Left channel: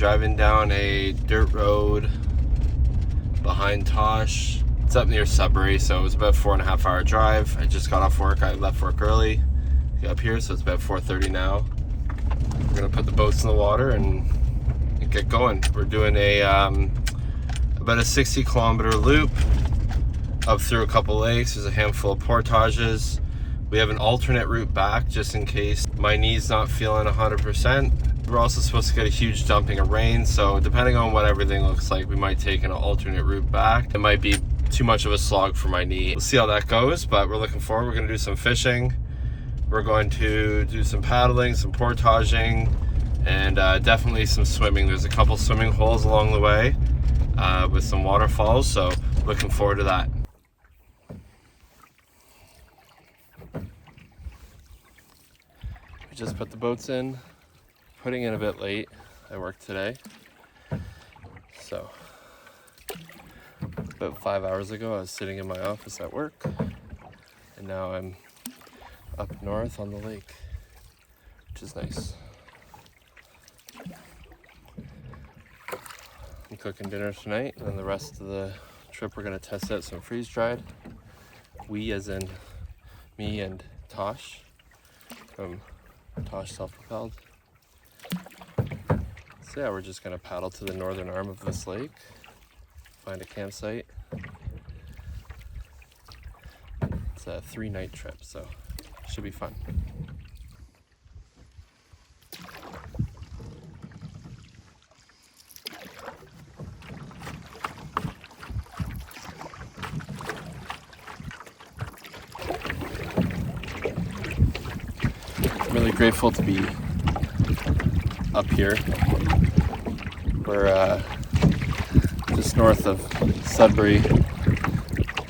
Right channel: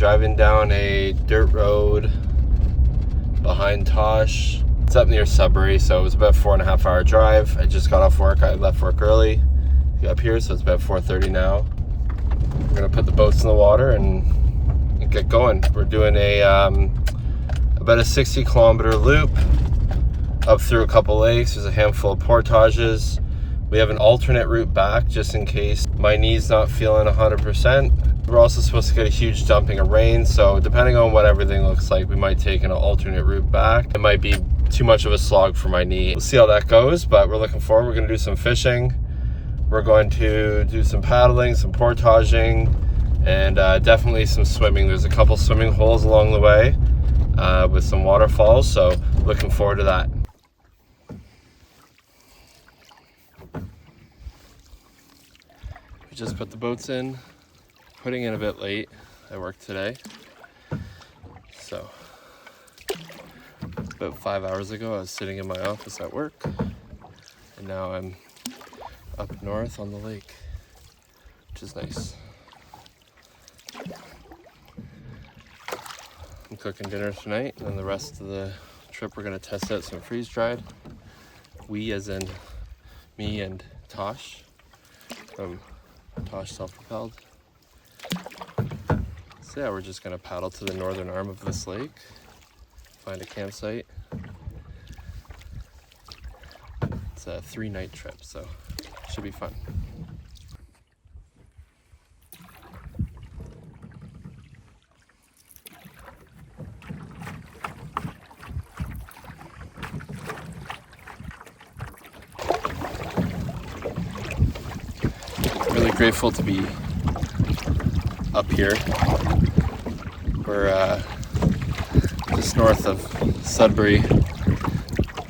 driving down a dirt road behind Tosh. It's up near Sudbury, so it was about a 4.5 hour drive. I just got off work. I left work early to get up here, so it's about 4:30 now. We're gonna put the boats in the water and get going. We're doing a about a 60-kilometer loop up through a couple lakes. There's a handful of portages. We have an alternate route back just in case my knee's not feeling 100%. We're also supposed to get a huge dumping of rain, so depending on what everything looks like, we might take an alternate route back. It might be too much of a slog for my knee. We'll see how that goes, but we're looking forward. We're gonna do some fishing. We're going to do some paddling, some portaging, and definitely some swimming. There's a couple swimming holes along the way with some waterfalls, so looking forward to that. We just put the boats in, putting in a bit late. I worked today, so about 5 hours ago I was sitting in my office at work, and now I'm up north on the lake, which is nice. I'm cooking dinner tonight, and then the rest of the trip we're gonna test out some freeze-dried. We as in me and Tosh from Tosh Propelled. So yeah, we're just gonna paddle to the northern arm of this lake, find a campsite. It's a 3-night trip, so should be fun. I'm really grateful to be up here. We're just north of Sudbury,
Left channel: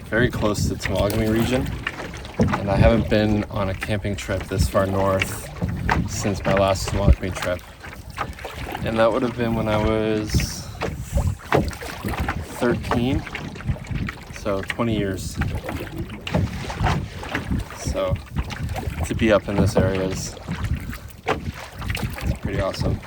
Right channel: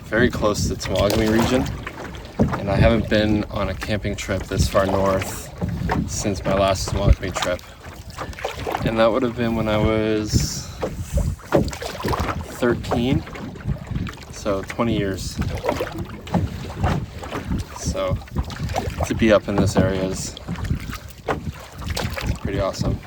very close to the Temagami region, and I haven't been on a camping trip this far north since my last Temagami trip, and that would have been when I was 13, so 20 years. So to be up in this area is pretty awesome.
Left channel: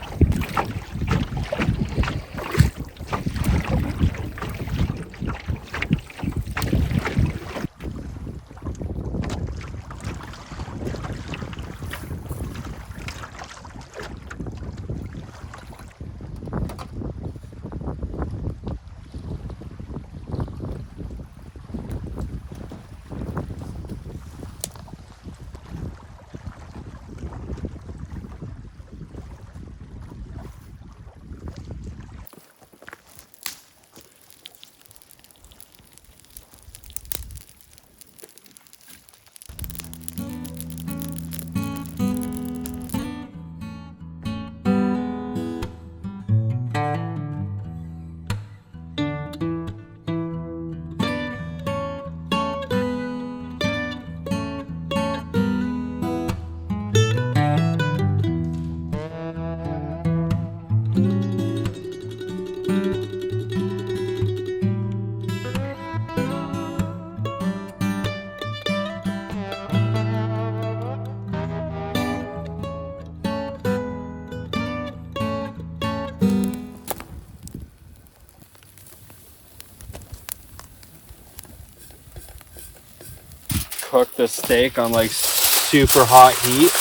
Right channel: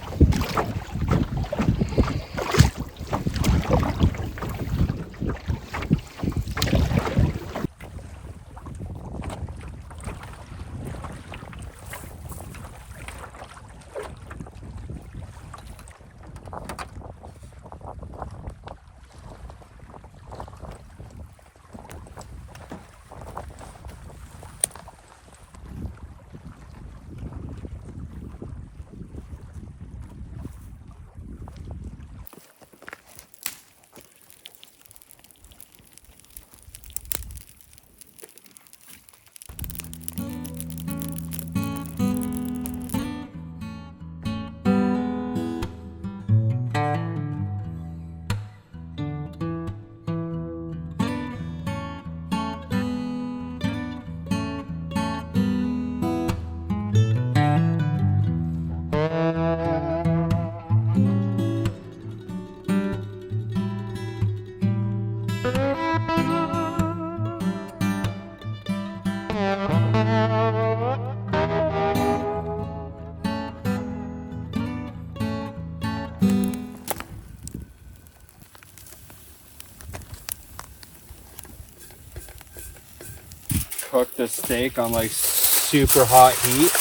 Cook the steak on like super hot heat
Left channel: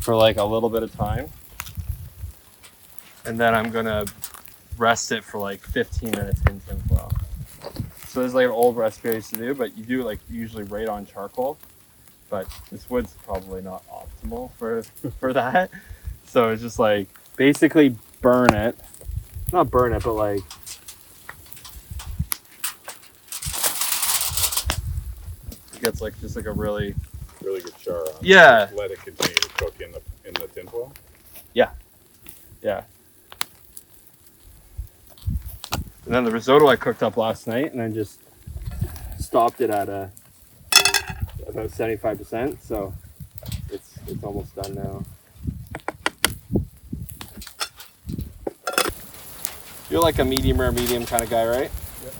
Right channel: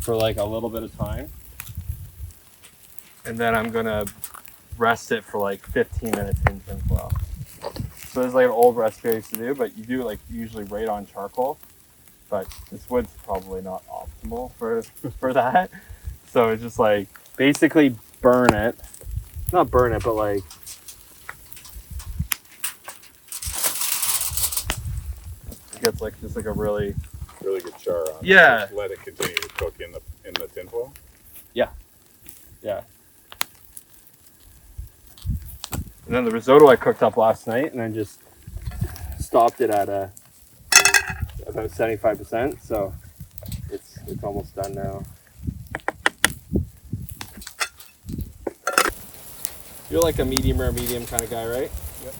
for like a little bit of time, and then I'm gonna rest it for like 15 minutes in tinfoil. So there's like an old recipe I used to do, but you do like usually right on charcoal, but this wood's probably not optimal for that. So it's just like basically burn it, not burn it, but like gets like just like a really good char on it. Yeah. Just let it continue to cook in the tinfoil. Yeah. And then the risotto I cooked up last night, and I just stopped it at about 75%, so it's almost done now. You're like a medium rare medium kind of guy, right? Yep.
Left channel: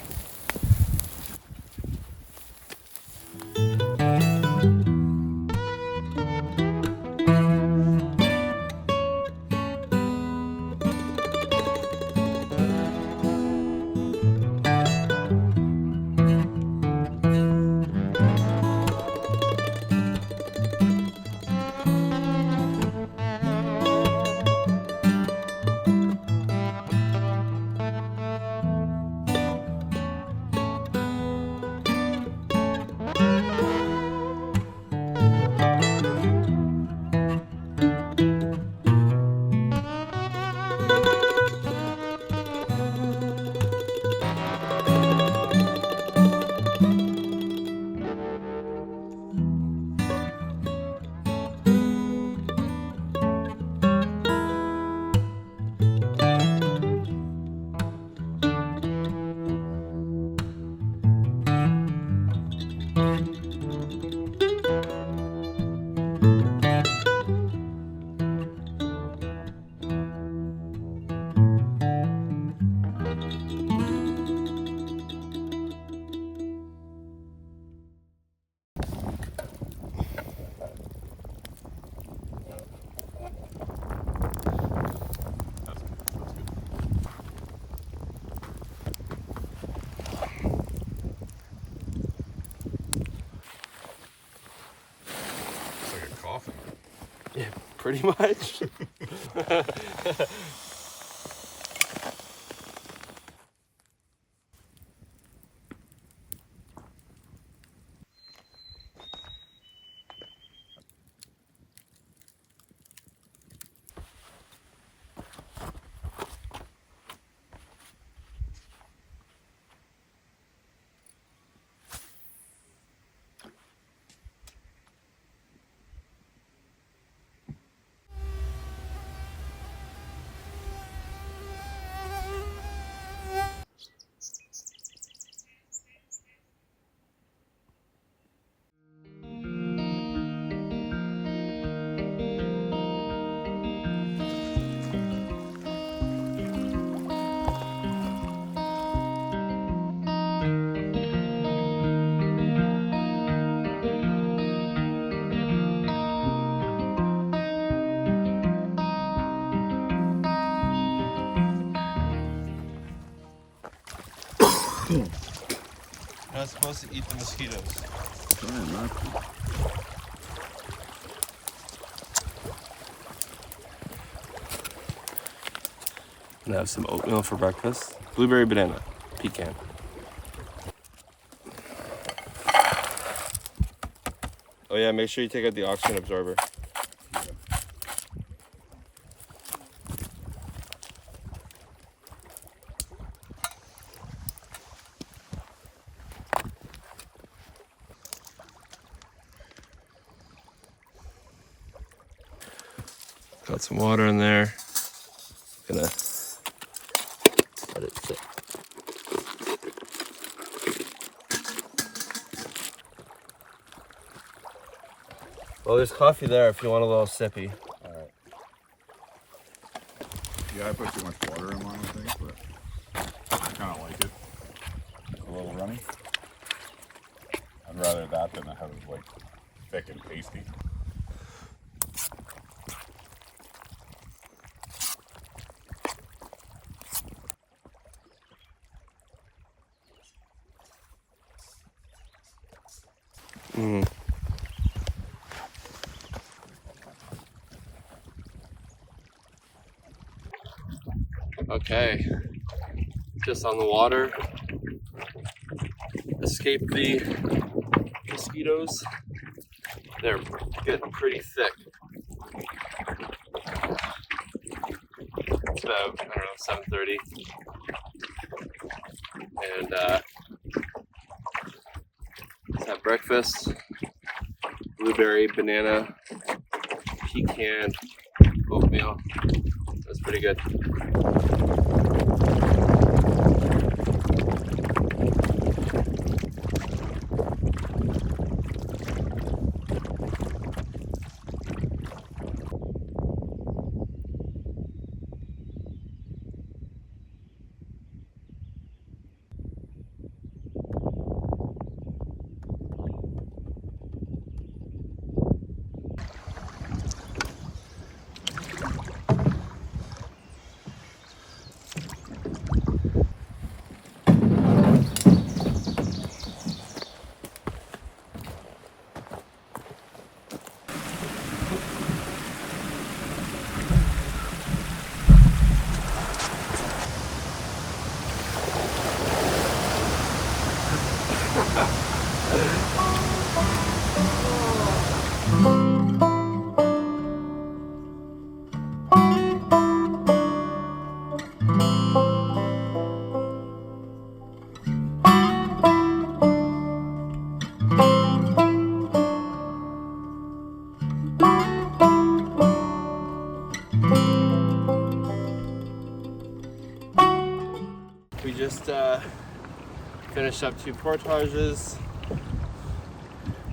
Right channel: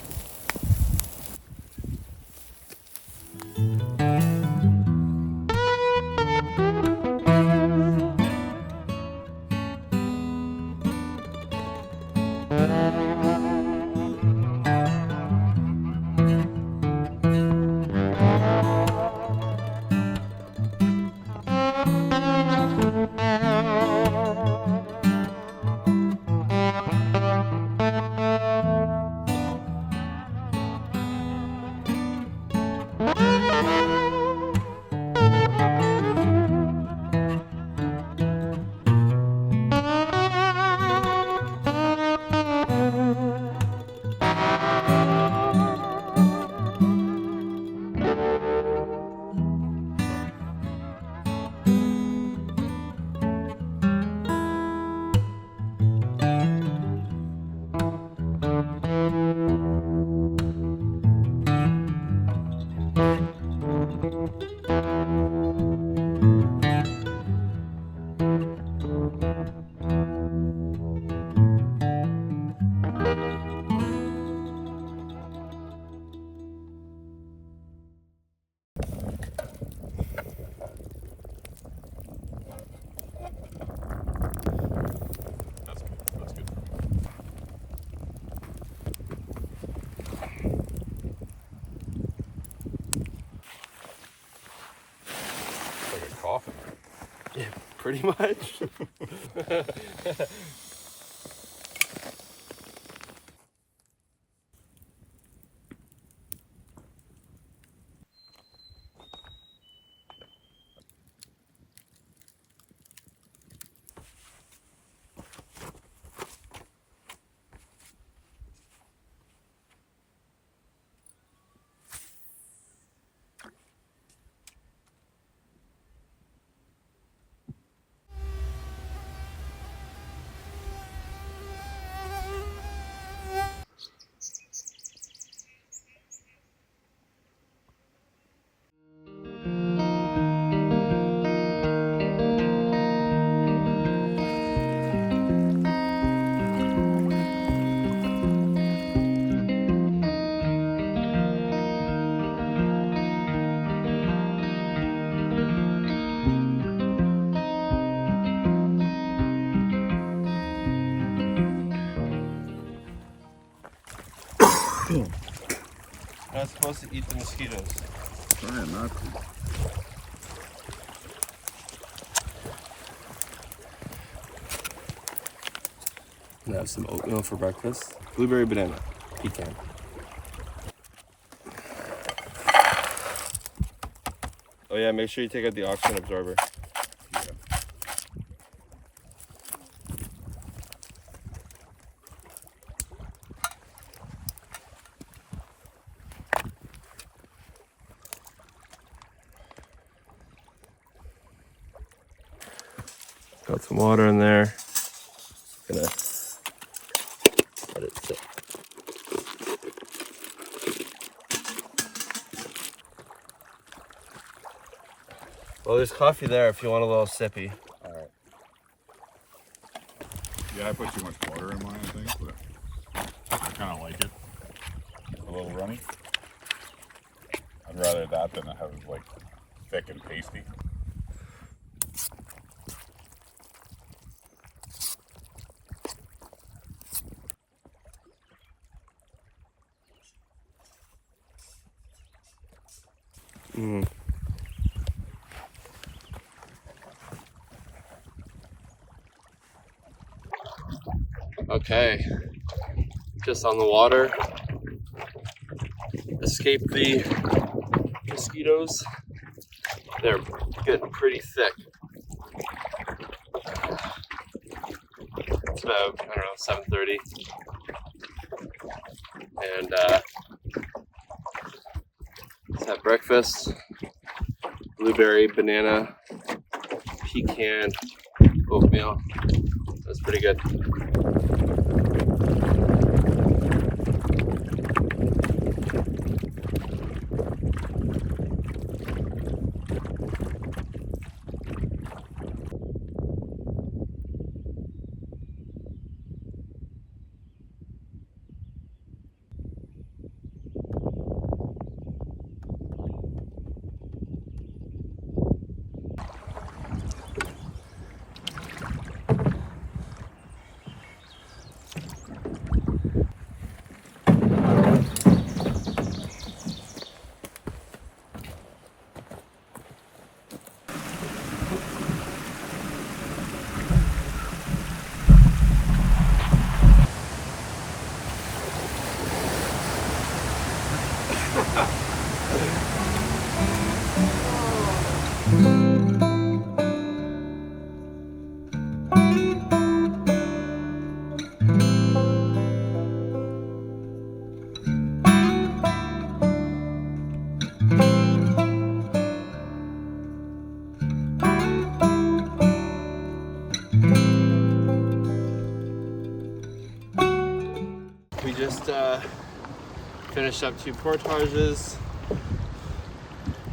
Pretty much. Not supposed to eat the mosquitoes. Trying not to. And I have some oatmeal for breakfast. Blueberry banana, pecan. Oh yeah, make sure you take out the oxygen absorber. Yeah. Got some water in there. Gonna let it sit. Well, there's coffee there if you want a little sippy. Alright. Yeah, I put too much water in one, I think, but I kind of like it. A little runny. I'd rather that than have it like thick and pasty. Mm. Okay, just on the water. Escape the mosquitoes. They're getting pretty thick. It's about, I don't know, 7:30. And let's have breakfast. Blueberry, banana, pecan, oatmeal. That's pretty good. We just finished up 2 portages,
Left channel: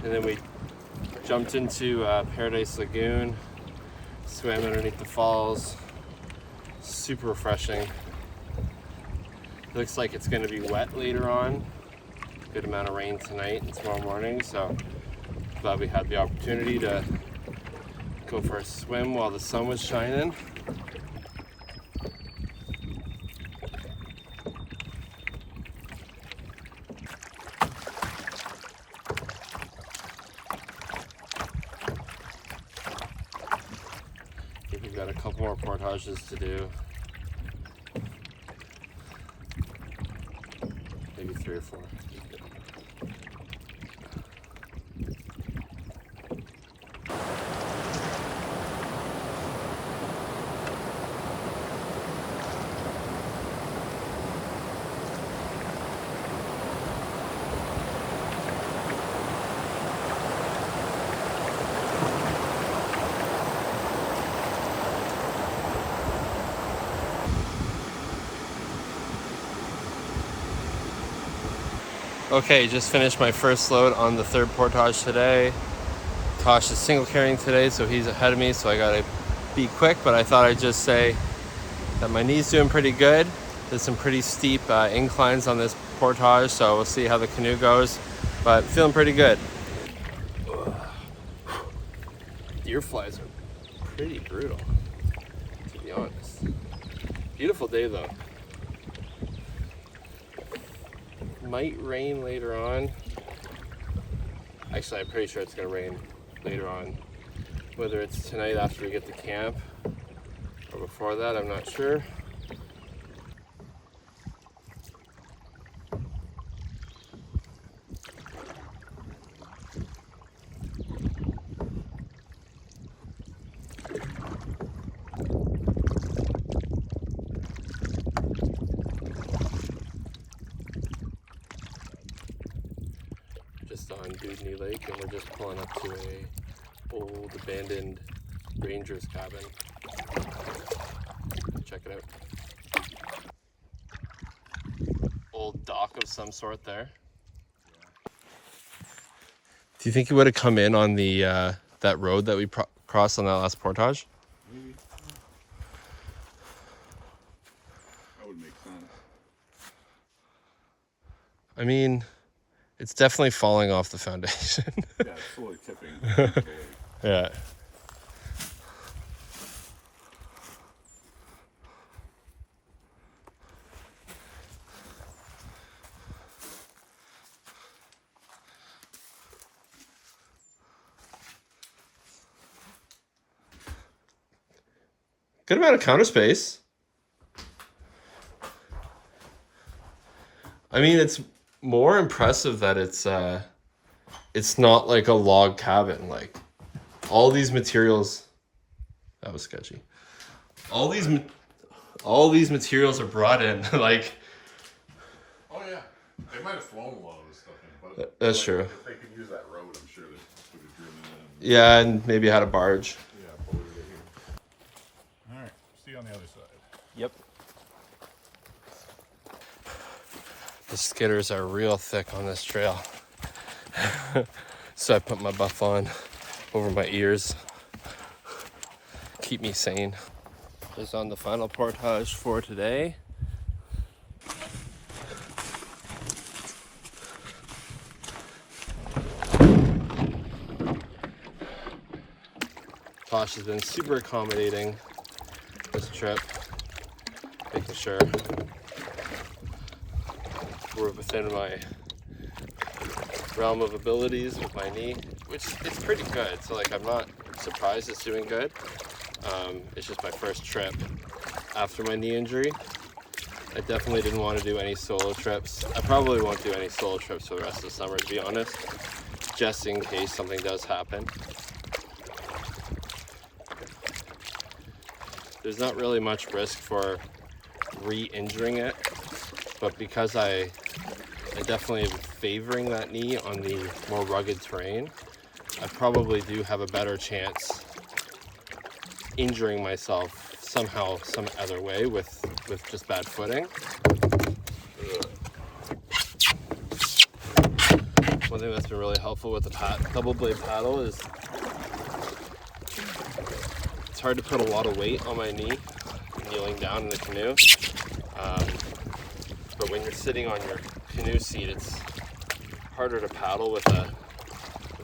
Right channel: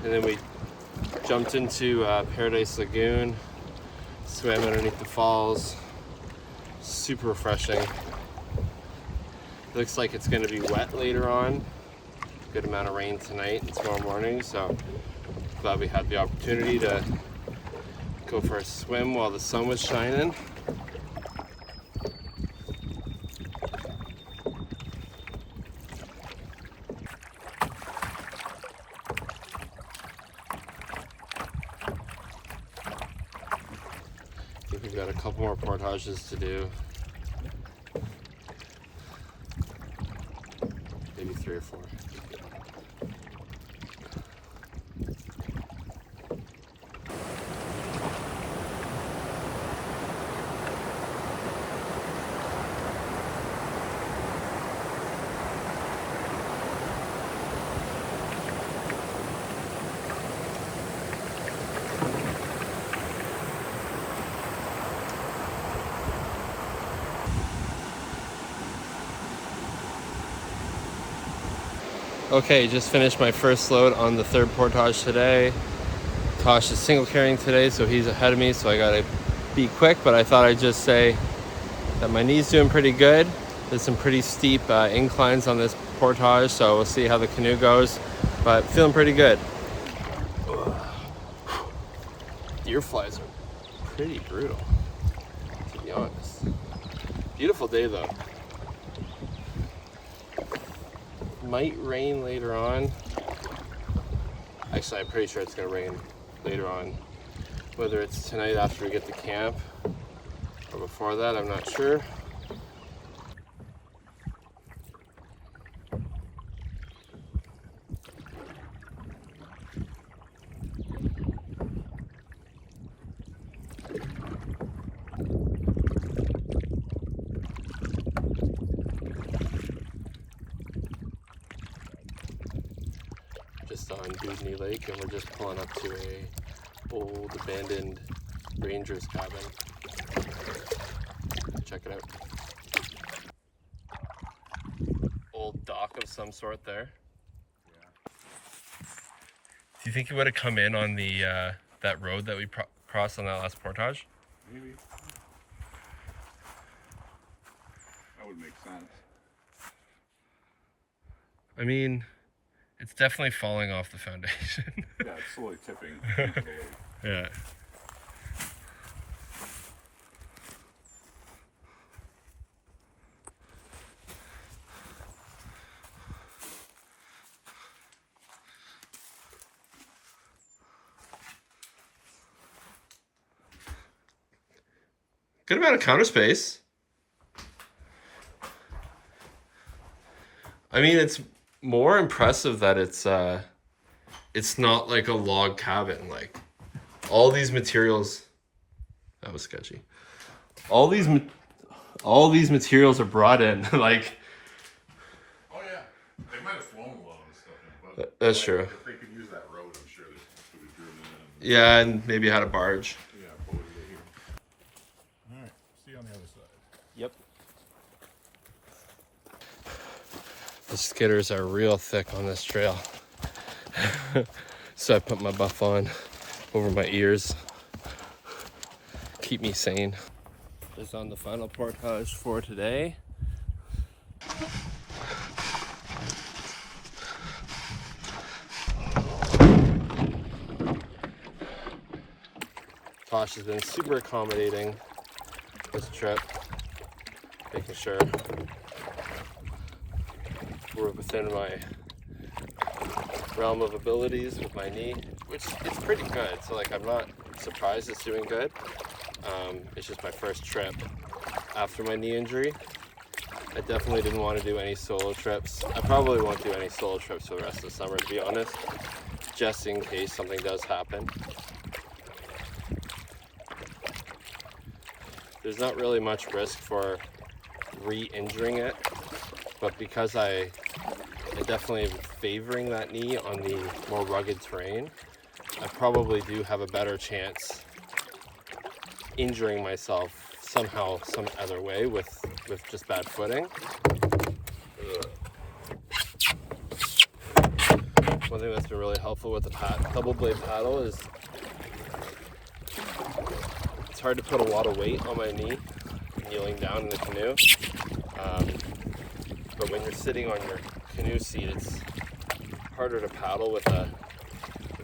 and then we jumped into Paradise Lagoon, swam underneath the falls. Super refreshing. Looks like it's going to be wet later on. Good amount of rain tonight and tomorrow morning, so glad we had the opportunity to go for a swim while the sun was shining. got a couple more portages to do. Maybe 3 or 4. Okay, just finished my first load on the 3rd portage today. Tosh is single carrying today, so he's ahead of me, so I gotta be quick, but I thought I'd just say that my knee's doing pretty good. There's some pretty steep inclines on this portage, so we'll see how the canoe goes, but feeling pretty good. Ear flies are pretty brutal, to be honest. Beautiful day though. Might rain later on. Actually, I'm pretty sure it's gonna rain later on. Whether it's tonight after we get to camp or before that, I'm not sure. Just on Dudney Lake, and we're just pulling up to a old abandoned ranger's cabin. Check it out. Old dock of some sort there. Yeah. Do you think you would have come in on the that road that we crossed on that last portage? Maybe. That would make sense. I mean, it's definitely falling off the foundation. Yeah, it's fully tipping into the lake. Yeah. Good amount of counter space. I mean, it's more impressive that it's not like a log cabin. Like all these materials, that was sketchy. All these materials are brought in. Like, Oh yeah, they might have flown a lot of this stuff in, but that's true. if they could use that road, I'm sure they could have driven in. Yeah, and maybe had a barge. Yeah, boated it here. All right, see you on the other side. Yep. The skidders are real thick on this trail. So I put my buff on over my ears. Keep me sane. This is on the final portage for today. Tosh has been super accommodating this trip, making sure we're within my realm of abilities with my knee, which is pretty good. So like, I'm not surprised it's doing good. It's just my first trip after my knee injury. I definitely didn't want to do any solo trips. I probably won't do any solo trips for the rest of the summer, to be honest, just in case something does happen. There's not really much risk for re-injuring it, but because I definitely am favoring that knee on the more rugged terrain, I probably do have a better chance injuring myself somehow, some other way with just bad footing. One thing that's been really helpful with the double blade paddle is it's hard to put a lot of weight on my knee kneeling down in the canoe. But when you're sitting on your canoe seat, it's harder to paddle with a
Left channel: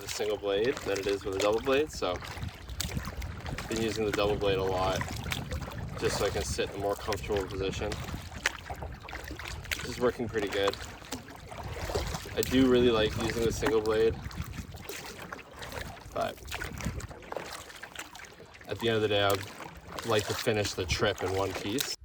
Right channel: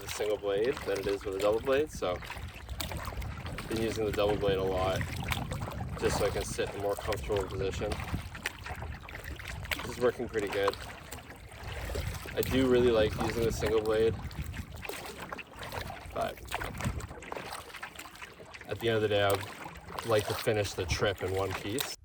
single blade than it is with a double blade. So I've been using the double blade a lot just so I can sit in a more comfortable position. This is working pretty good. I do really like using the single blade, but at the end of the day, like to finish the trip in one piece.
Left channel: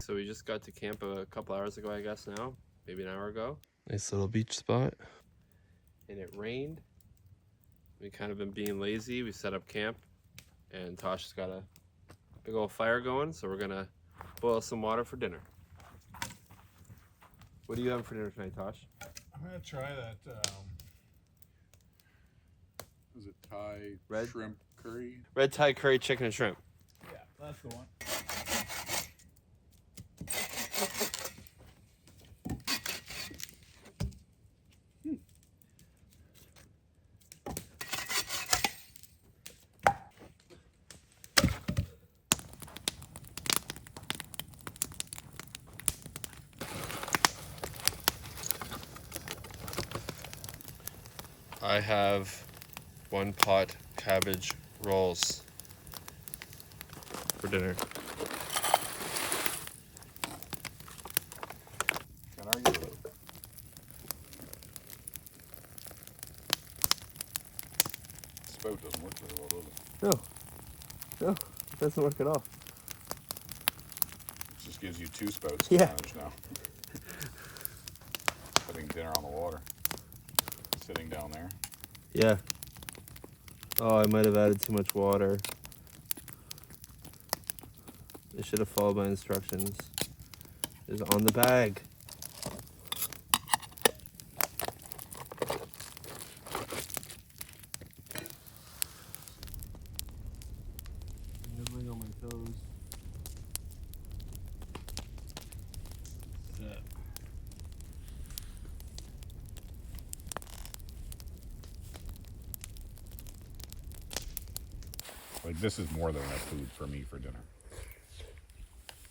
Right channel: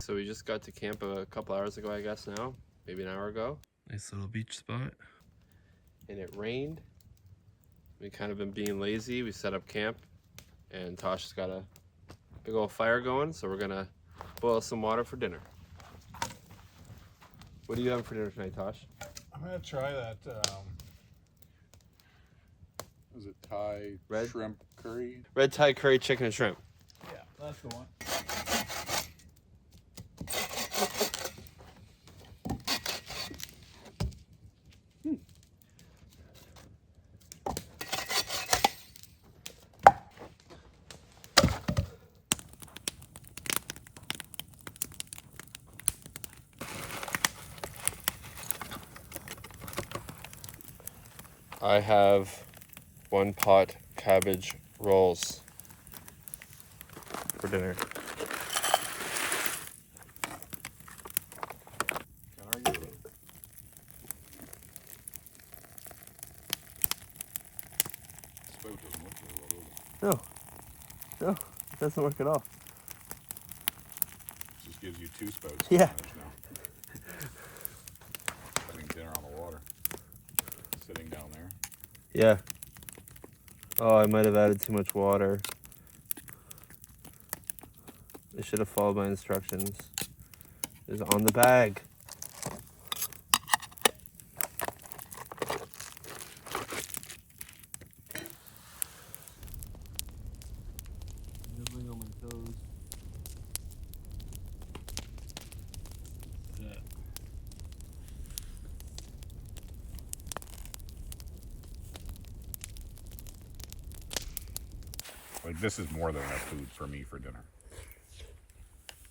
So we just got to camp a couple hours ago, I guess now, maybe an hour ago. Nice little beach spot. And it rained. We kind of been being lazy. We set up camp and Tosh has got a big old fire going. So we're gonna boil some water for dinner. What are you having for dinner tonight, Tosh? I'm gonna try that, is it Thai Red shrimp curry? Red Thai curry chicken and shrimp. Yeah, that's the one. I have 1 pot cabbage rolls for dinner. Spout doesn't work very well, does it? No, it doesn't work at all. It just gives you 2 spouts. Yeah. Now. Having dinner on the water. Sitting down there. Yeah. Oh, I might have added too much water. I should have followed my instructions. It's on the bag. Nibbling on my toes. Like, this is more than enough food for me for dinner.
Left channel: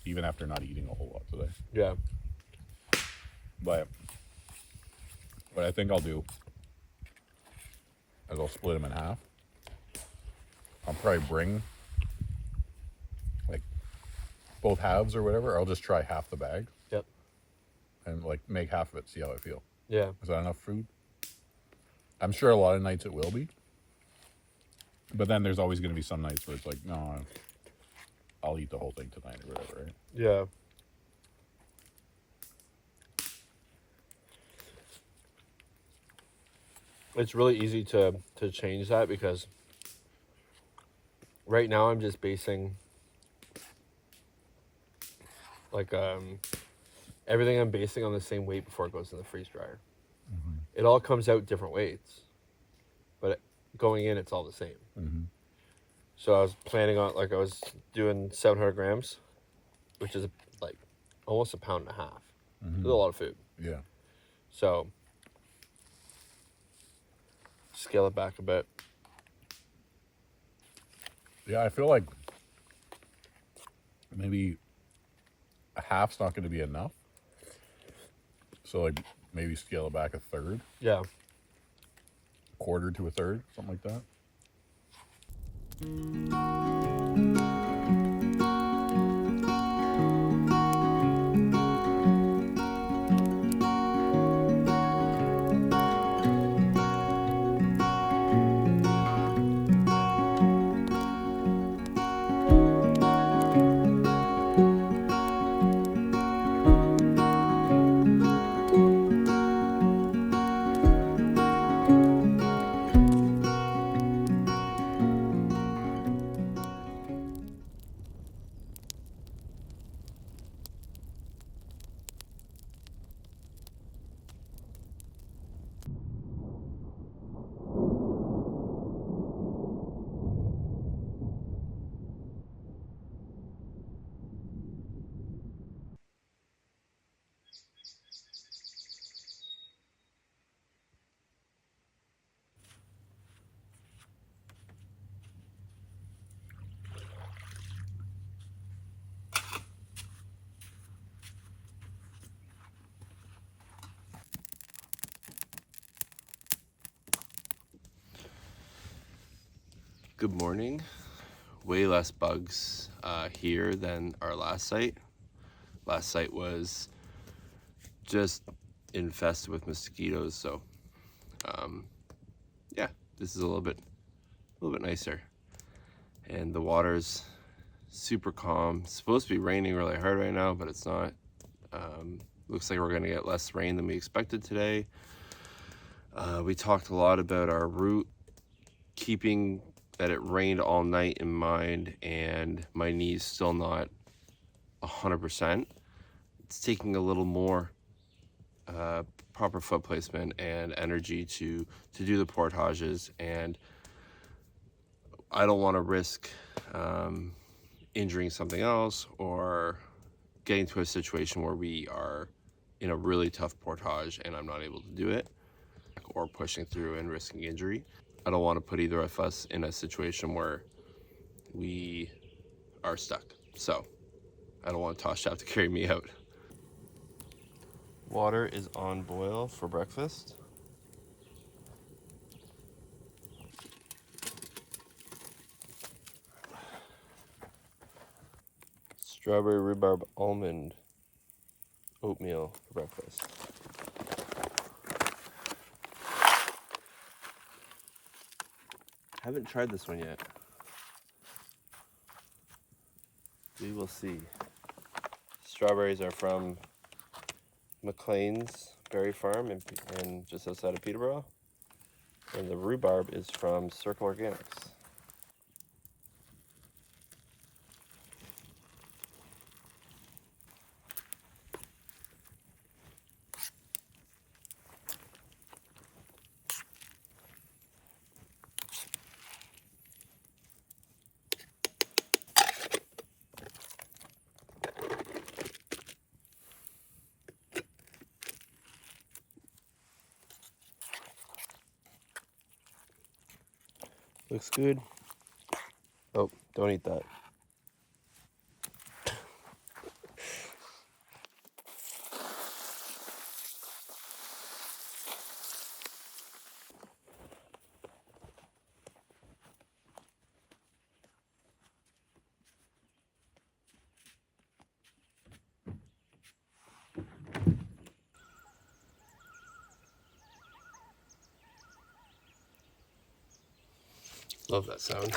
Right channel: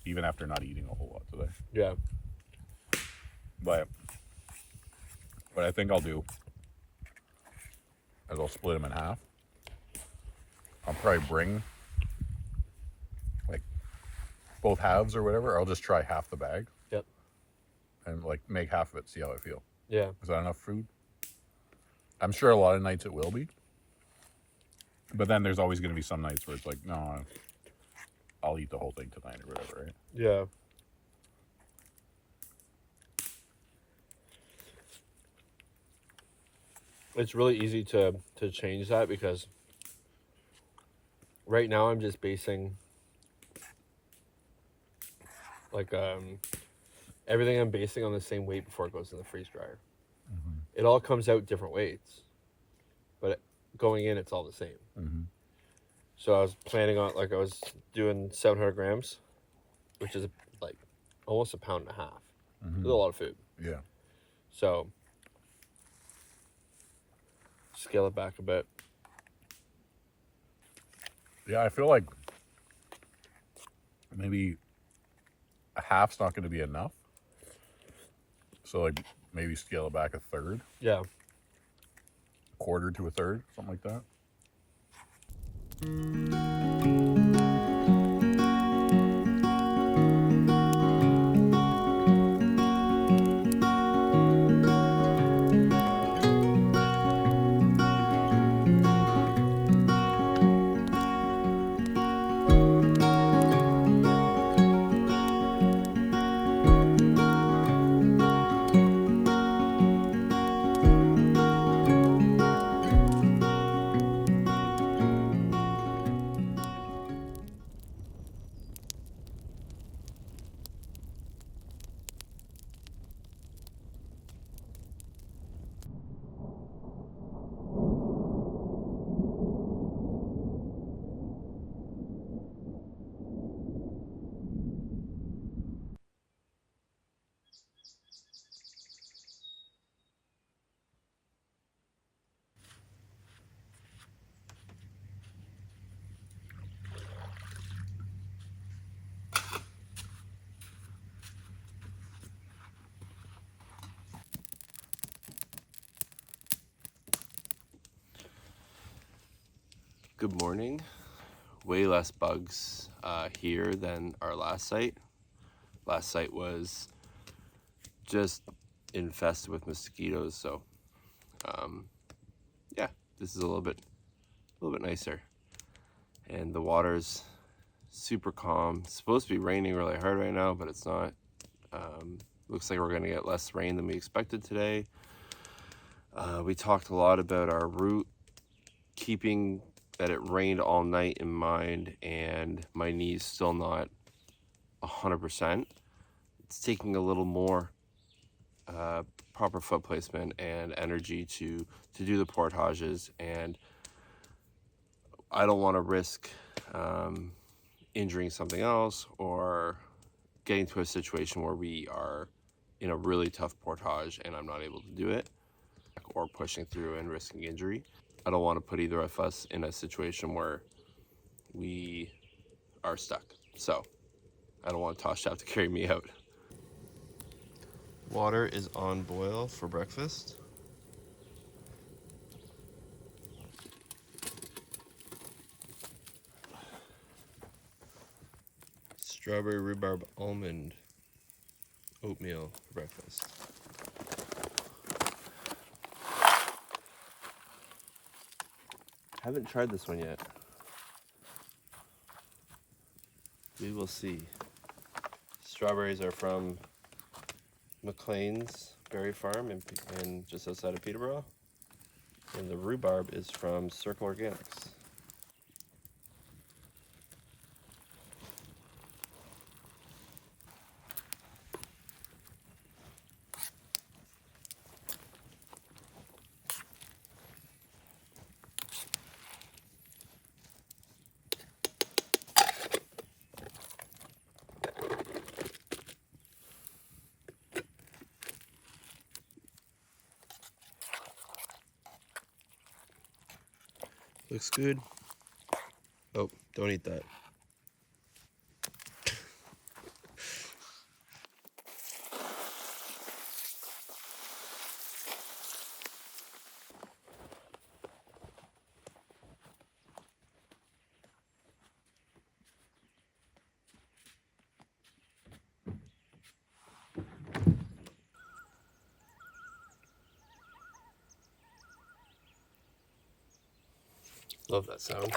Even after not eating a whole lot today. Yeah. But what I think I'll do is I'll split them in half. I'll probably bring like both halves or whatever. I'll just try half the bag. Yep. And like make half of it, see how I feel. Yeah. Is that enough food? I'm sure a lot of nights it will be. But then there's always going to be some nights where it's like, no, I'll eat the whole thing tonight or whatever, right? Yeah. It's really easy to change that because right now I'm just basing like everything I'm basing on the same weight before it goes in the freeze dryer. Mm-hmm. It all comes out different weights, but going in it's all the same. Mm-hmm. So I was planning on, like, I was doing 700 grams, which is like almost a pound and a half. Mm-hmm. It's a lot of food. Yeah. So scale it back a bit. Yeah, I feel like maybe a half's not going to be enough. So like maybe scale it back a third. Yeah. Quarter to a third, something like that. Good morning. Way less bugs here than our last site. Last site was just infested with mosquitoes, so yeah, this is a little bit nicer. And the water's super calm. It's supposed to be raining really hard right now, but it's not. Looks like we're gonna get less rain than we expected today. We talked a lot about our route, keeping that it rained all night in mind, and my knee's still not 100%. It's taking a little more proper foot placement and energy to do the portages, and I don't want to risk injuring something else or getting to a situation where we are in a really tough portage and I'm not able to do it, or pushing through and risking injury. I don't want to put either of us in a situation where we are stuck. So I don't want Tosh to have to carry me out. Water is on boil for breakfast. Strawberry rhubarb almond oatmeal for breakfast. Haven't tried this one yet. We will see. Strawberries are from McLean's Berry Farm in just outside of Peterborough. And the rhubarb is from Circle Organics. Looks good. Oh, don't eat that. Love that sound.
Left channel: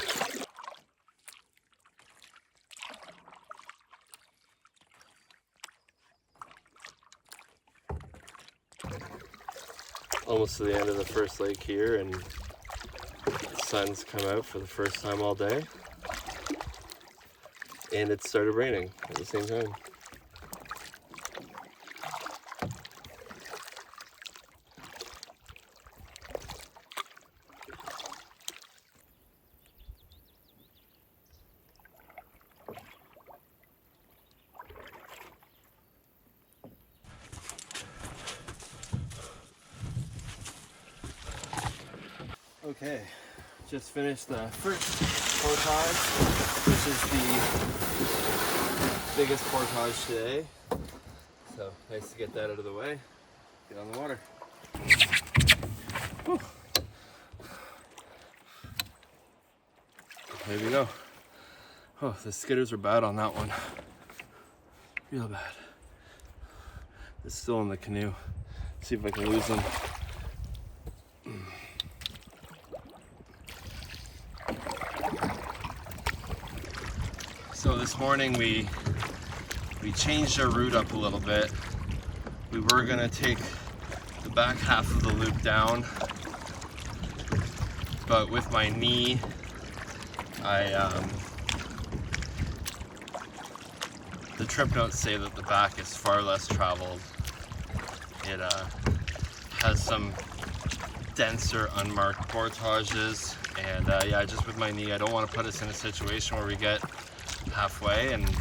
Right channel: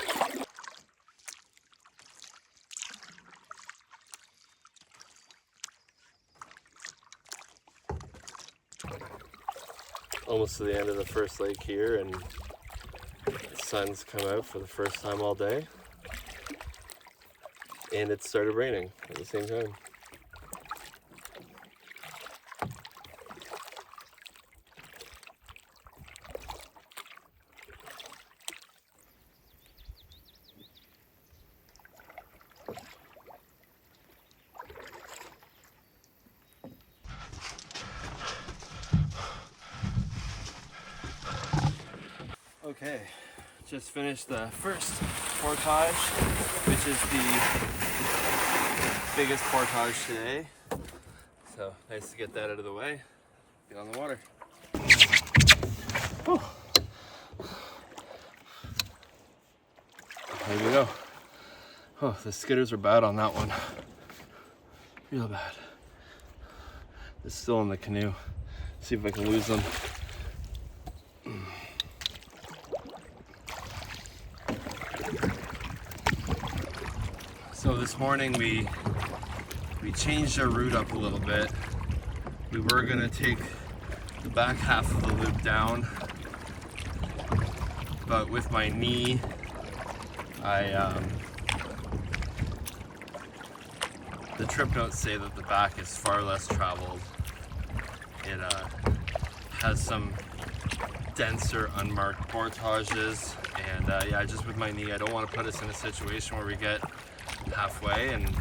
Almost to the end of the first lake here, and the sun's come out for the first time all day. And it started raining at the same time. Okay, just finished the first portage, which is the biggest portage today. So nice to get that out of the way. Get on the water. Whew. There we go. Oh, the skidders are bad on that one. Real bad. It's still in the canoe. See if I can lose them. So this morning we changed our route up a little bit. We were gonna take the back half of the loop down, but with my knee, the trip notes say that the back is far less traveled. It has some denser unmarked portages, and yeah, just with my knee, I don't want to put us in a situation where we get halfway and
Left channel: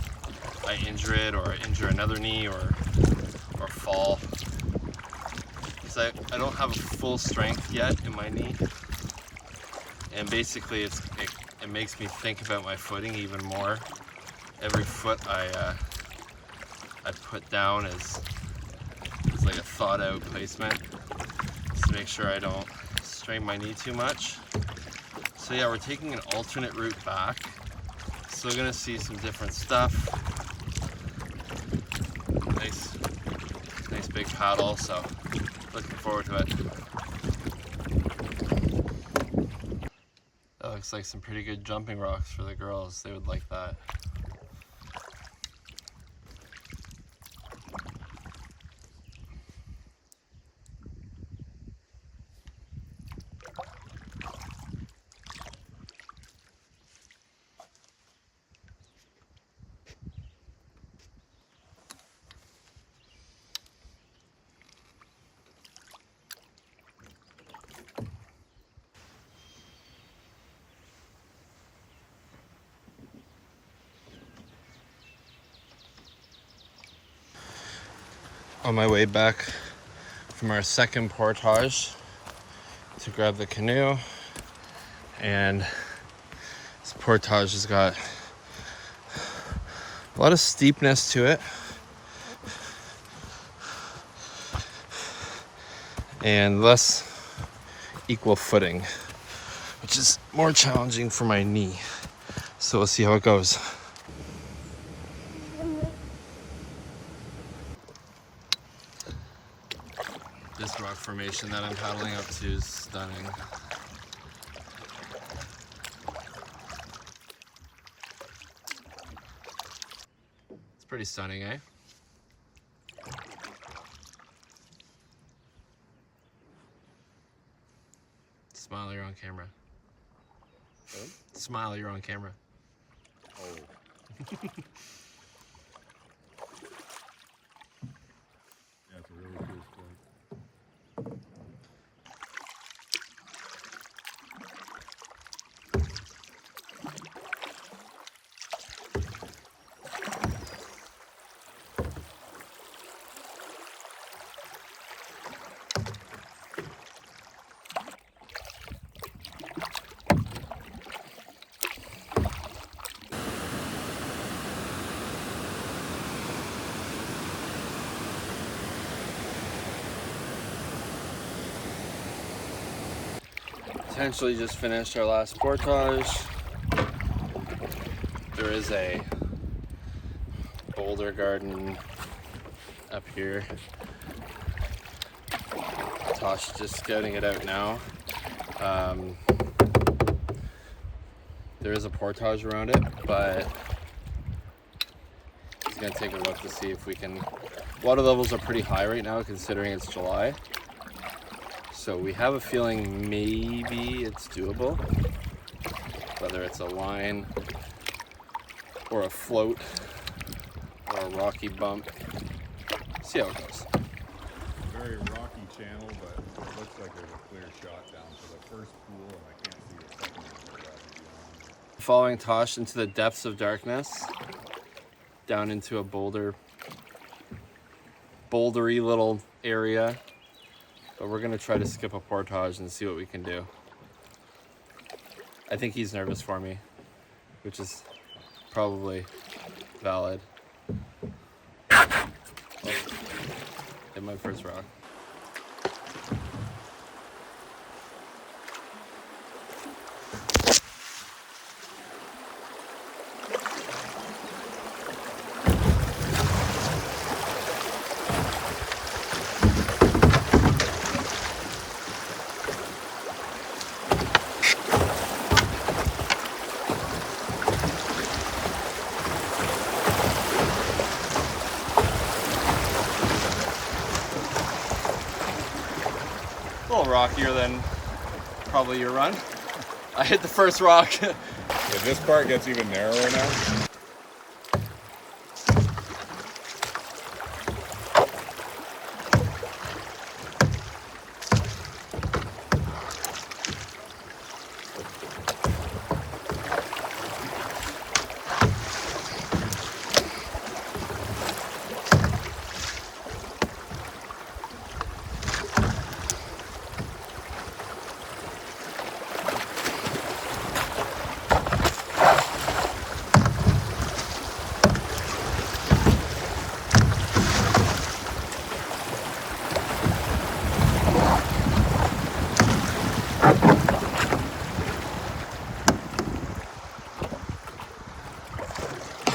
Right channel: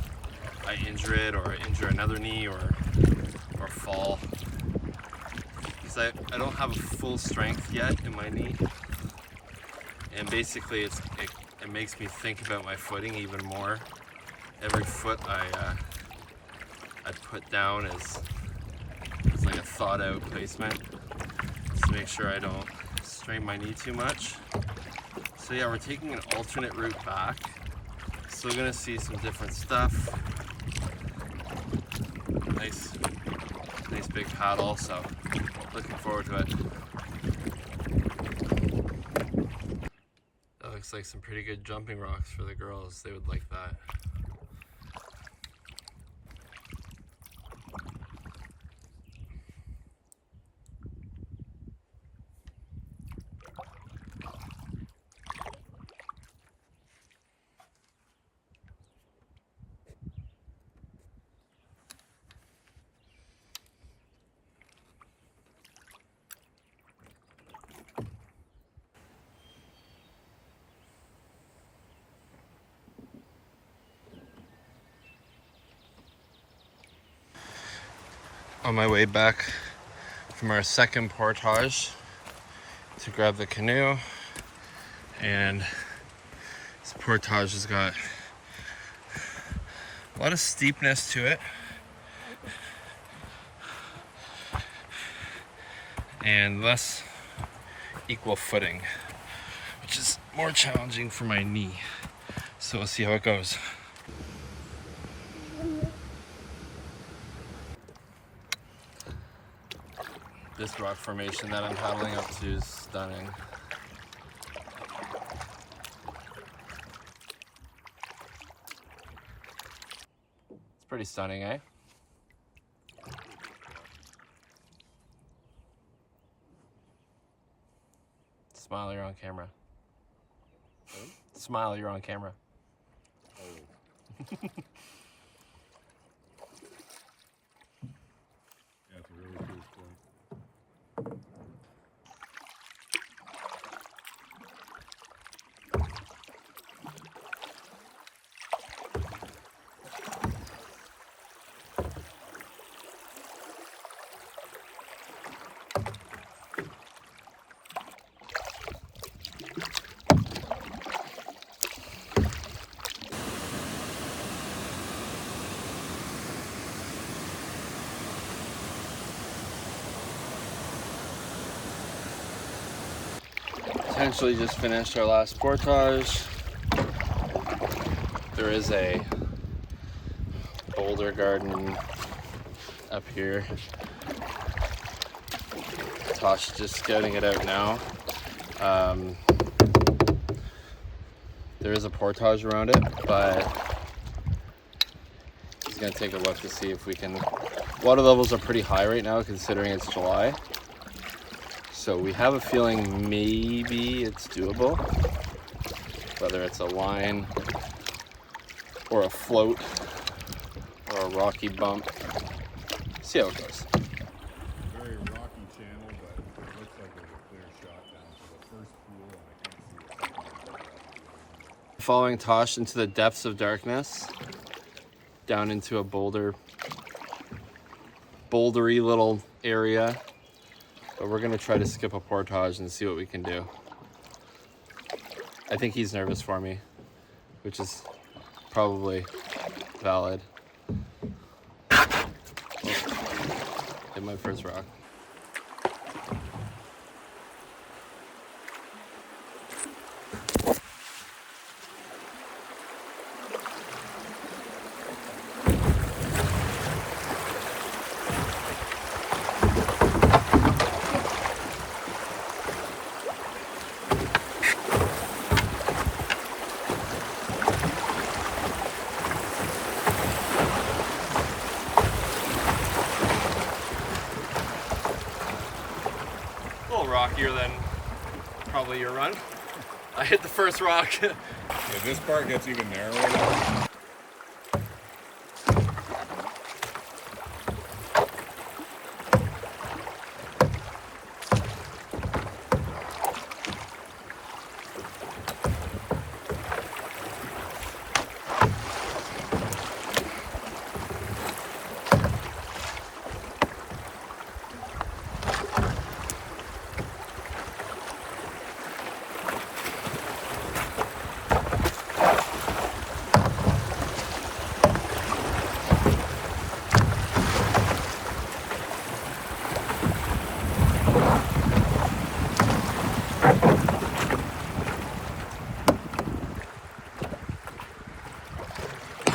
I injure it or injure another knee or fall, because I don't have a full strength yet in my knee, and basically it makes me think about my footing even more. Every foot I put down is like a thought out placement, just to make sure I don't strain my knee too much. So yeah, we're taking an alternate route back. Still gonna see some different stuff. Nice big paddle, so looking forward to it. That looks like some pretty good jumping rocks for the girls. They would like that. On my way back from our second portage to grab the canoe, and this portage has got a lot of steepness to it and less equal footing, which is more challenging for my knee. So we'll see how it goes. This rock formation that I'm paddling up to is stunning. It's pretty stunning, eh? Smile, you're on camera. Sorry? Smile, you're on camera. Oh. Yeah, it's a really cool spot. Potentially just finished our last portage. There is a boulder garden up here. Tosh is just scouting it out now. There is a portage around it, but he's gonna take a look to see if we can. Water levels are pretty high right now considering it's July. So we have a feeling maybe it's doable. Whether it's a line or a float or a rocky bump. See how it goes. Very rocky channel, but it looks like there's a clear shot down to the first pool, and I can't see the second one. Following Tosh into the depths of darkness, down into a bouldery little area. But we're gonna try to skip a portage and see what we can do. I think he's nervous for me, which is probably valid. Oh, hit my first rock. A little rockier than probably your run. I hit the first rock. So this part gets even narrower now.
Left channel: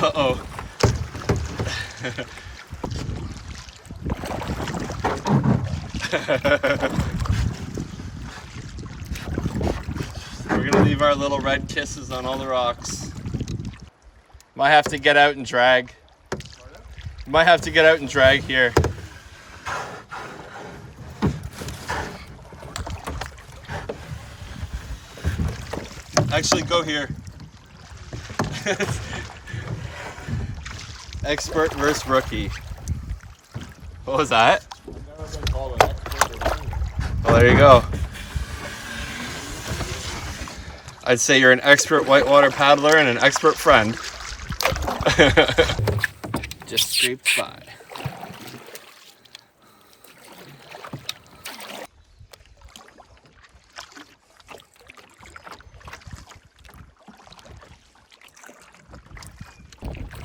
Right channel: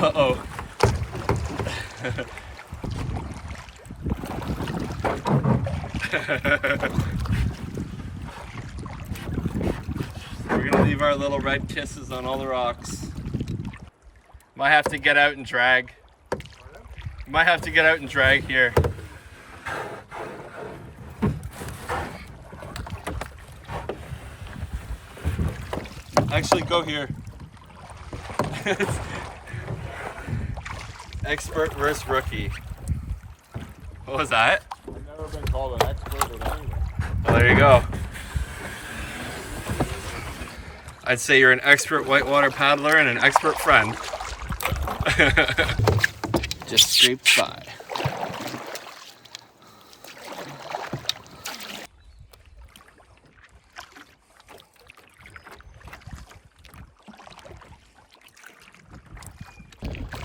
Uh-oh. We're gonna leave our little red kisses on all the rocks. Might have to get out and drag. Might have to get out and drag here. Actually, go here. Expert versus rookie. What was that? I've never been called an expert at anything. Well, there you go. I'd say you're an expert whitewater paddler and an expert friend. Just scraped by.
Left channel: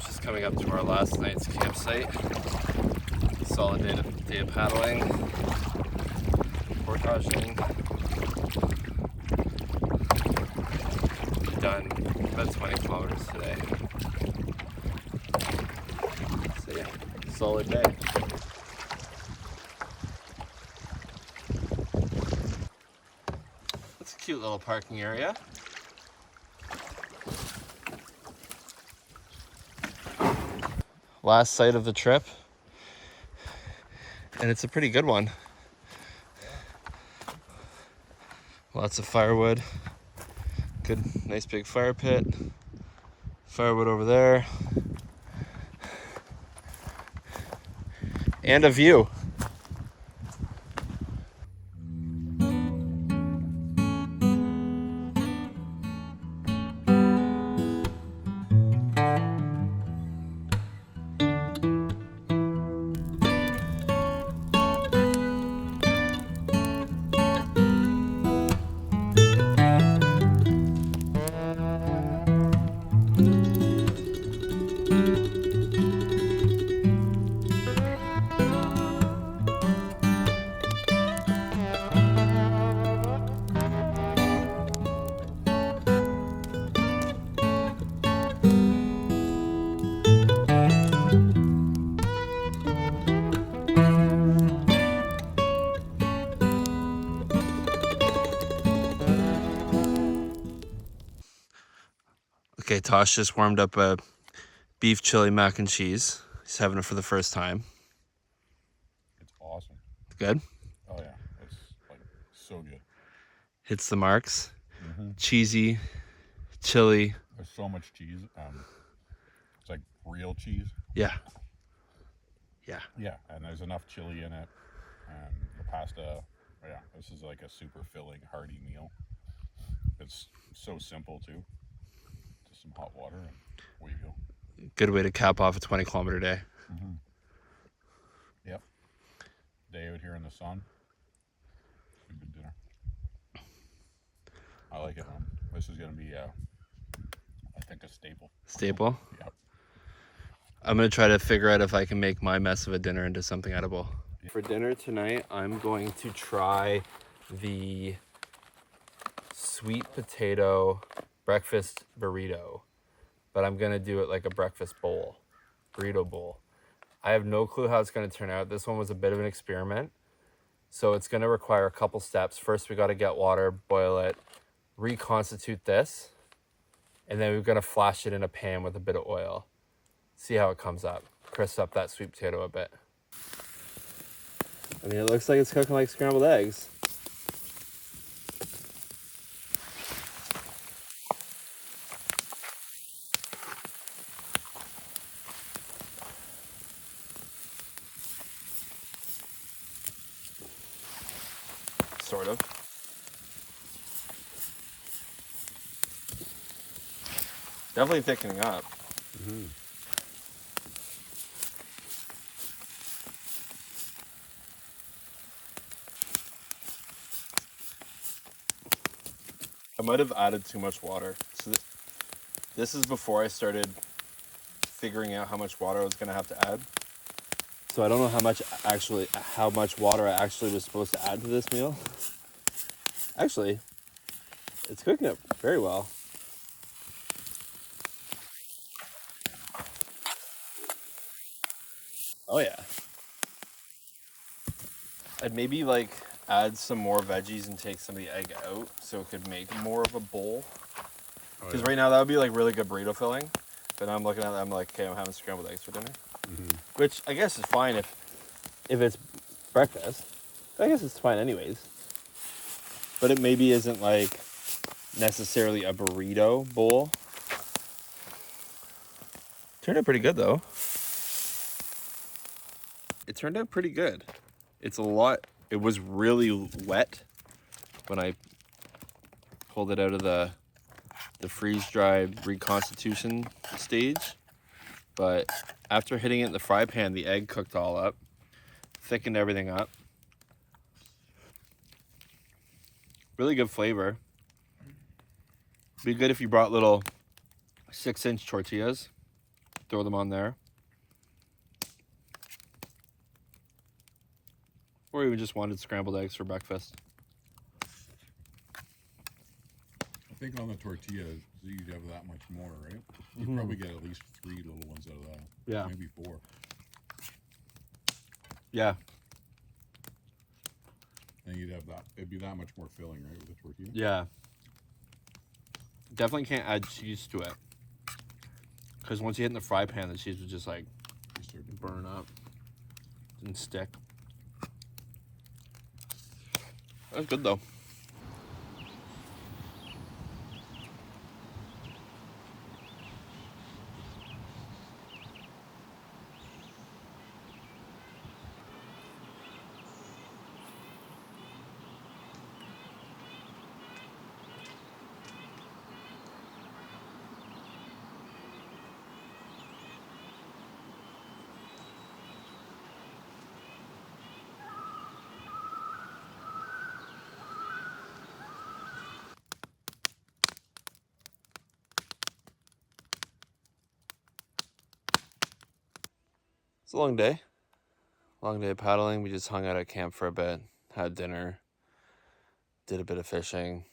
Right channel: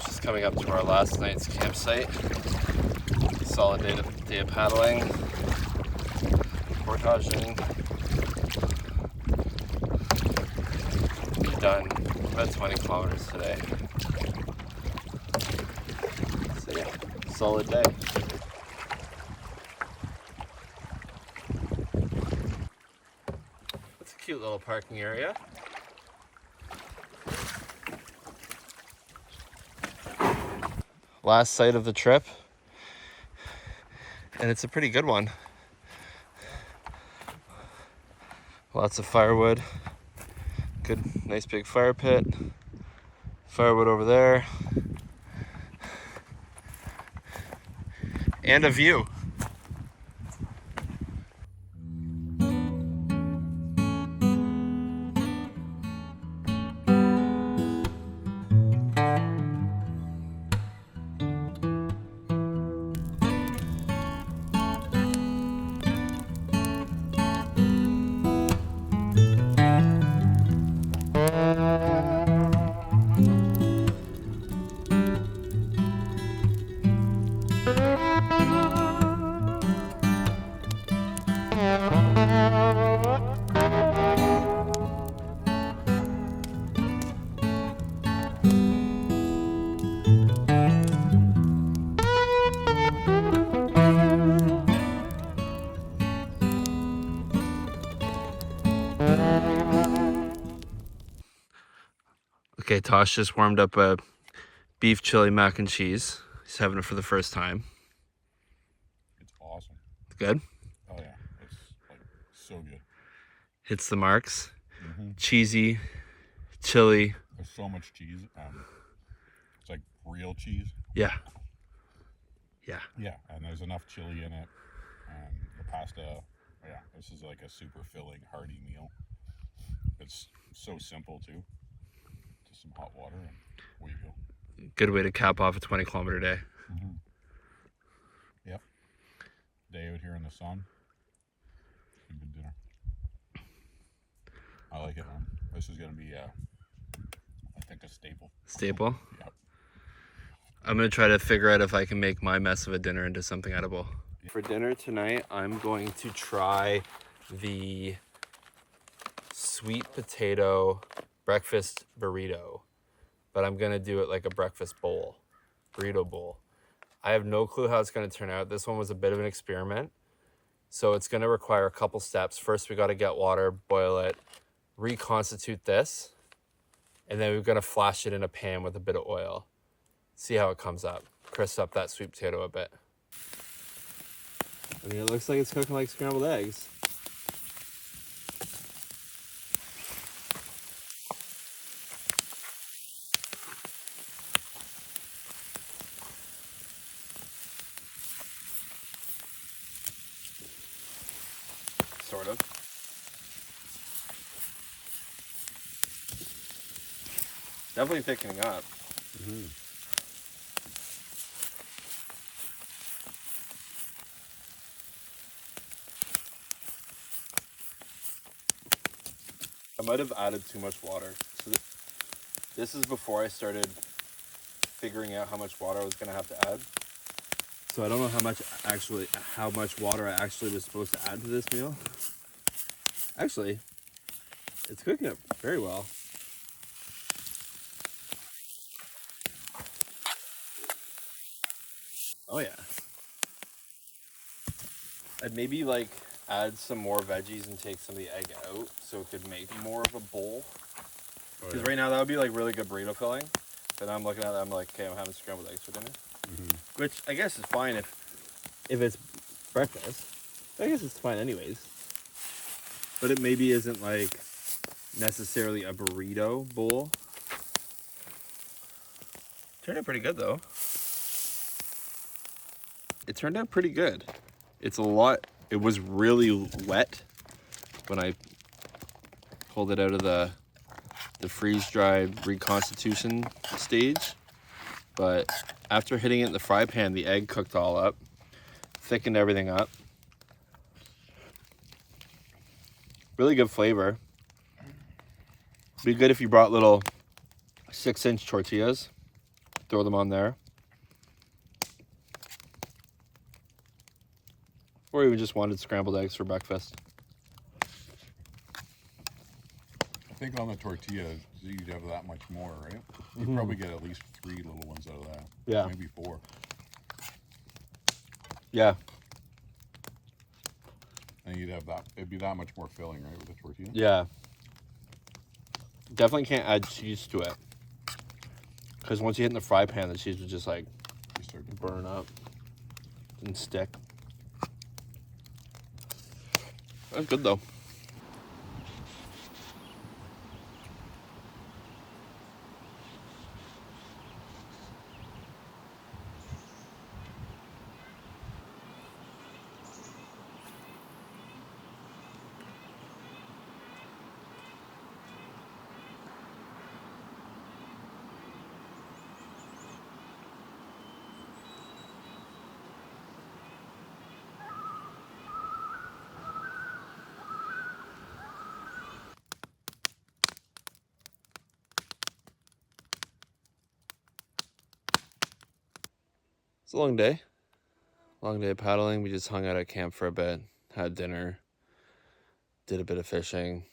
Just coming up to our last night's campsite. Solid day of paddling, portaging. We've done about 20 kilometers today. So yeah, solid day. That's a cute little parking area. Last sight of the trip. And it's a pretty good one. Lots of firewood. Good, nice big fire pit. Firewood over there. And a view. Okay, Tosh just warmed up a beef chili mac and cheese. He's having it for the first time. It's awesome. Good? Oh yeah, it's like so good. Hits the marks. Cheesy, chili. There's so much cheese. It's like real cheese. Yeah. Yeah. Yeah, and there's enough chili in it. And the pasta, yeah, this is like a super filling, hearty meal. It's so simple too. Just some hot water and away you go. Good way to cap off a 20-kilometer day. Yep. Day out here in the sun. Good dinner. I like it, man. This is gonna be, I think, a staple. Staple? Yep. I'm gonna try to figure out if I can make my mess of a dinner into something edible. For dinner tonight, I'm going to try the sweet potato breakfast burrito, but I'm gonna do it like a breakfast bowl, burrito bowl. I have no clue how it's gonna turn out. This one was a bit of an experiment, so it's gonna require a couple steps. First, we gotta get water, boil it, reconstitute this, and then we're gonna flash it in a pan with a bit of oil. See how it comes up. Crisp up that sweet potato a bit. I mean, it looks like it's cooking like scrambled eggs. Sort of. Definitely thickening up. I might have added too much water. So this is before I started figuring out how much water I was gonna have to add. So I don't know how much water I actually was supposed to add to this meal. Actually, it's cooking up very well. Oh yeah. I'd maybe like add some more veggies and take some of the egg out so it could make more of a bowl. Because right now that would be like really good burrito filling. But I'm looking at it, I'm like, okay, I'm having scrambled eggs for dinner. Which I guess is fine if it's breakfast. I guess it's fine anyways. But it maybe isn't like necessarily a burrito bowl. Turned out pretty good though. It turned out pretty good. It's a lot. It was really wet when I pulled it out of the freeze-dried reconstitution stage. But after hitting it in the fry pan, the egg cooked all up, thickened everything up. Really good flavor. Be good if you brought little 6-inch tortillas. Throw them on there. Or even just wanted scrambled eggs for breakfast. I think on the tortilla, you'd have that much more, right? You'd probably get at least 3 little ones out of that. Yeah. Maybe 4. Yeah. And you'd have that, it'd be that much more filling, right, with a tortilla? Yeah. Definitely can't add cheese to it. Because once you hit in the fry pan, the cheese would just like burn up and stick. That's good though. It's a long day. Long day of paddling. We just hung out at camp for a bit, had dinner, did a bit of fishing,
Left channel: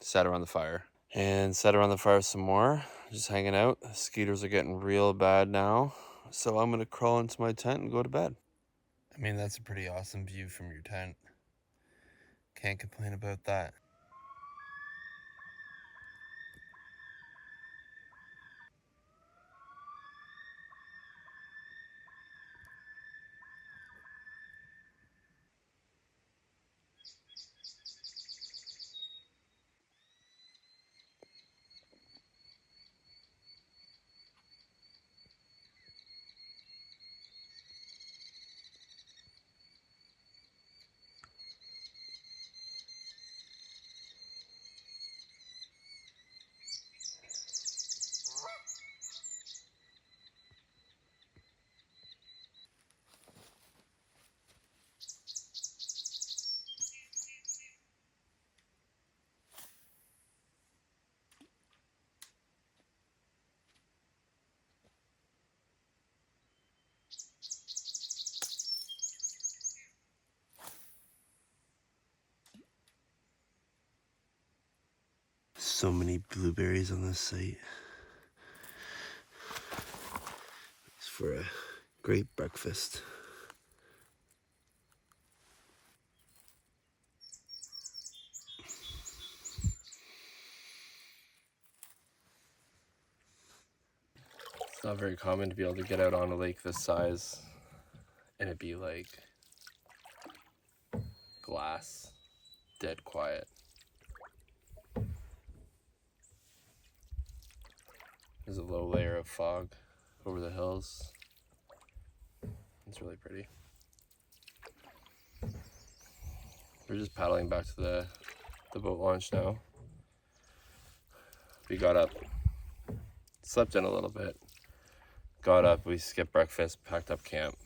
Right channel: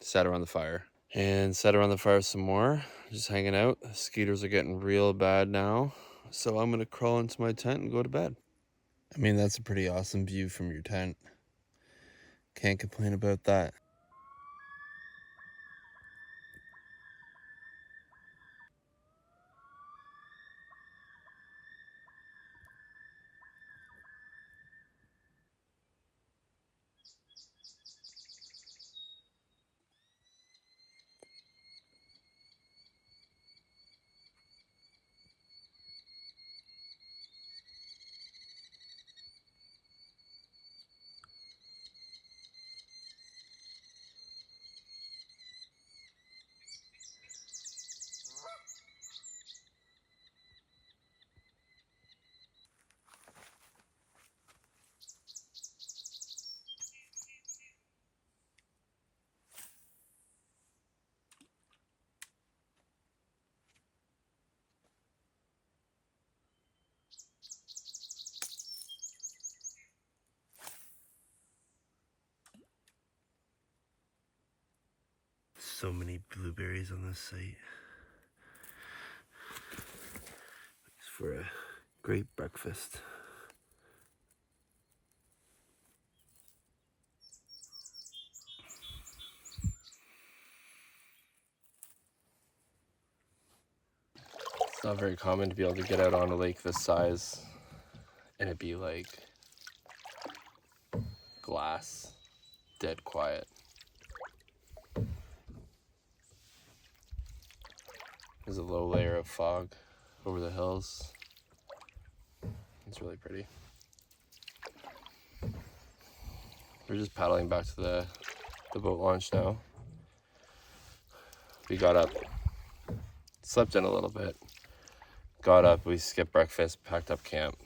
sat around the fire. And sat around the fire some more, just hanging out. The mosquitos are getting real bad now. So I'm going to crawl into my tent and go to bed. I mean, that's a pretty awesome view from your tent. Can't complain about that. So many blueberries on this site. It's for a great breakfast. It's not very common to be able to get out on a lake this size and it be like glass, dead quiet. There's a low layer of fog over the hills. It's really pretty. We're just paddling back to the boat launch now. We got up, slept in a little bit, got up, we skipped breakfast, packed up camp.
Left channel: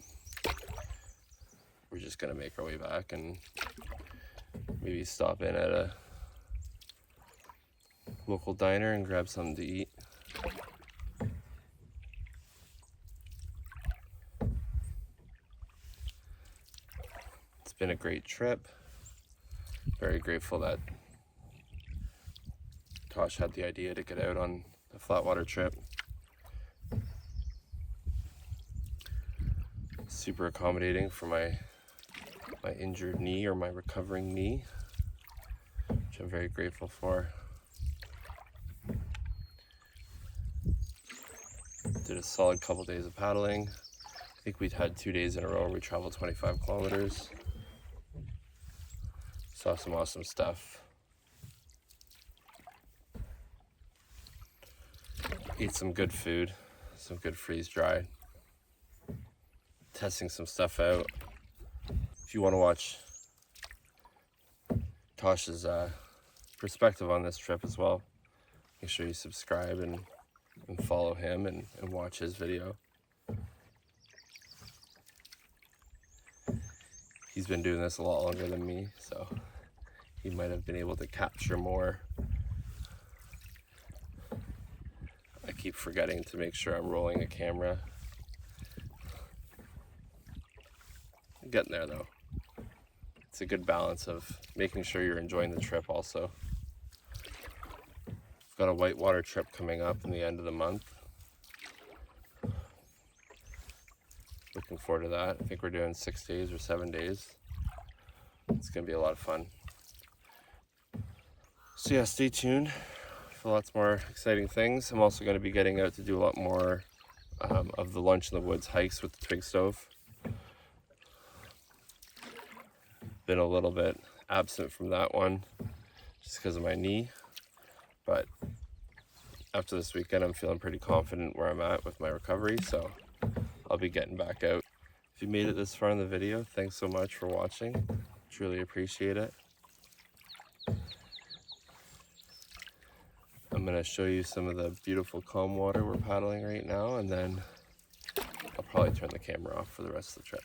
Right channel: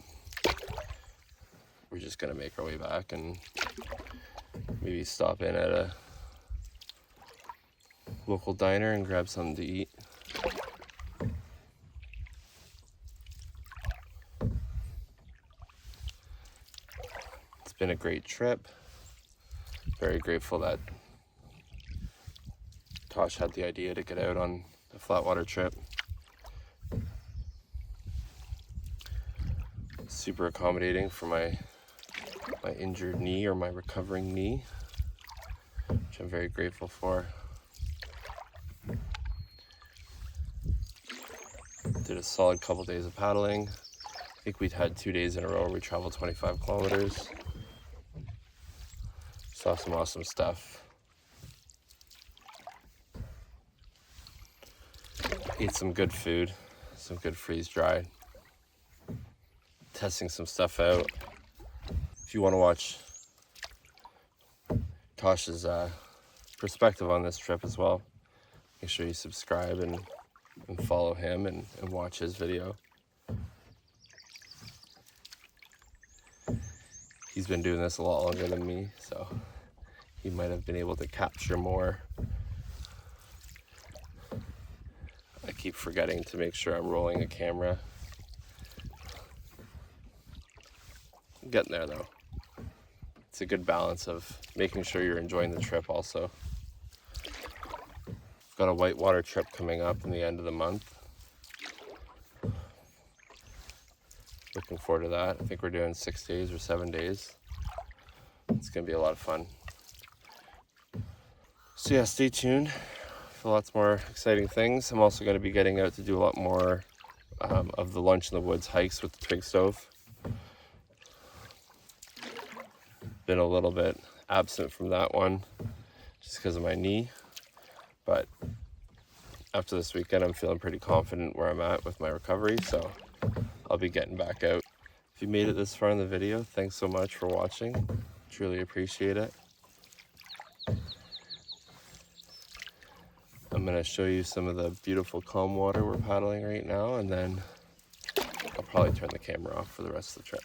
We're just gonna make our way back and maybe stop in at a local diner and grab something to eat. It's been a great trip. Very grateful that Tosh had the idea to get out on a flatwater trip. super accommodating for my injured knee, or my recovering knee, which I'm very grateful for. Did a solid couple days of paddling. I think we'd had 2 days in a row where we traveled 25 kilometers. Saw some awesome stuff. Ate some good food, some good freeze-dried. Testing some stuff out. If you want to watch Tosh's perspective on this trip as well, make sure you subscribe and follow him and watch his video. He's been doing this a lot longer than me, so he might have been able to capture more. I keep forgetting to make sure I'm rolling a camera. I'm getting there though. It's a good balance of making sure you're enjoying the trip also. I've got a whitewater trip coming up in the end of the month. Looking forward to that. I think we're doing 6 days or 7 days. It's gonna be a lot of fun. So yeah, stay tuned for lots more exciting things. I'm also gonna be getting out to do a lot more of the lunch in the woods hikes with the twig stove. Been a little bit absent from that one just because of my knee, but after this weekend I'm feeling pretty confident where I'm at with my recovery, so I'll be getting back out. If you made it this far in the video, thanks so much for watching. Truly appreciate it. I'm gonna show you some of the beautiful calm water we're paddling right now, and then I'll probably turn the camera off for the rest of the trip.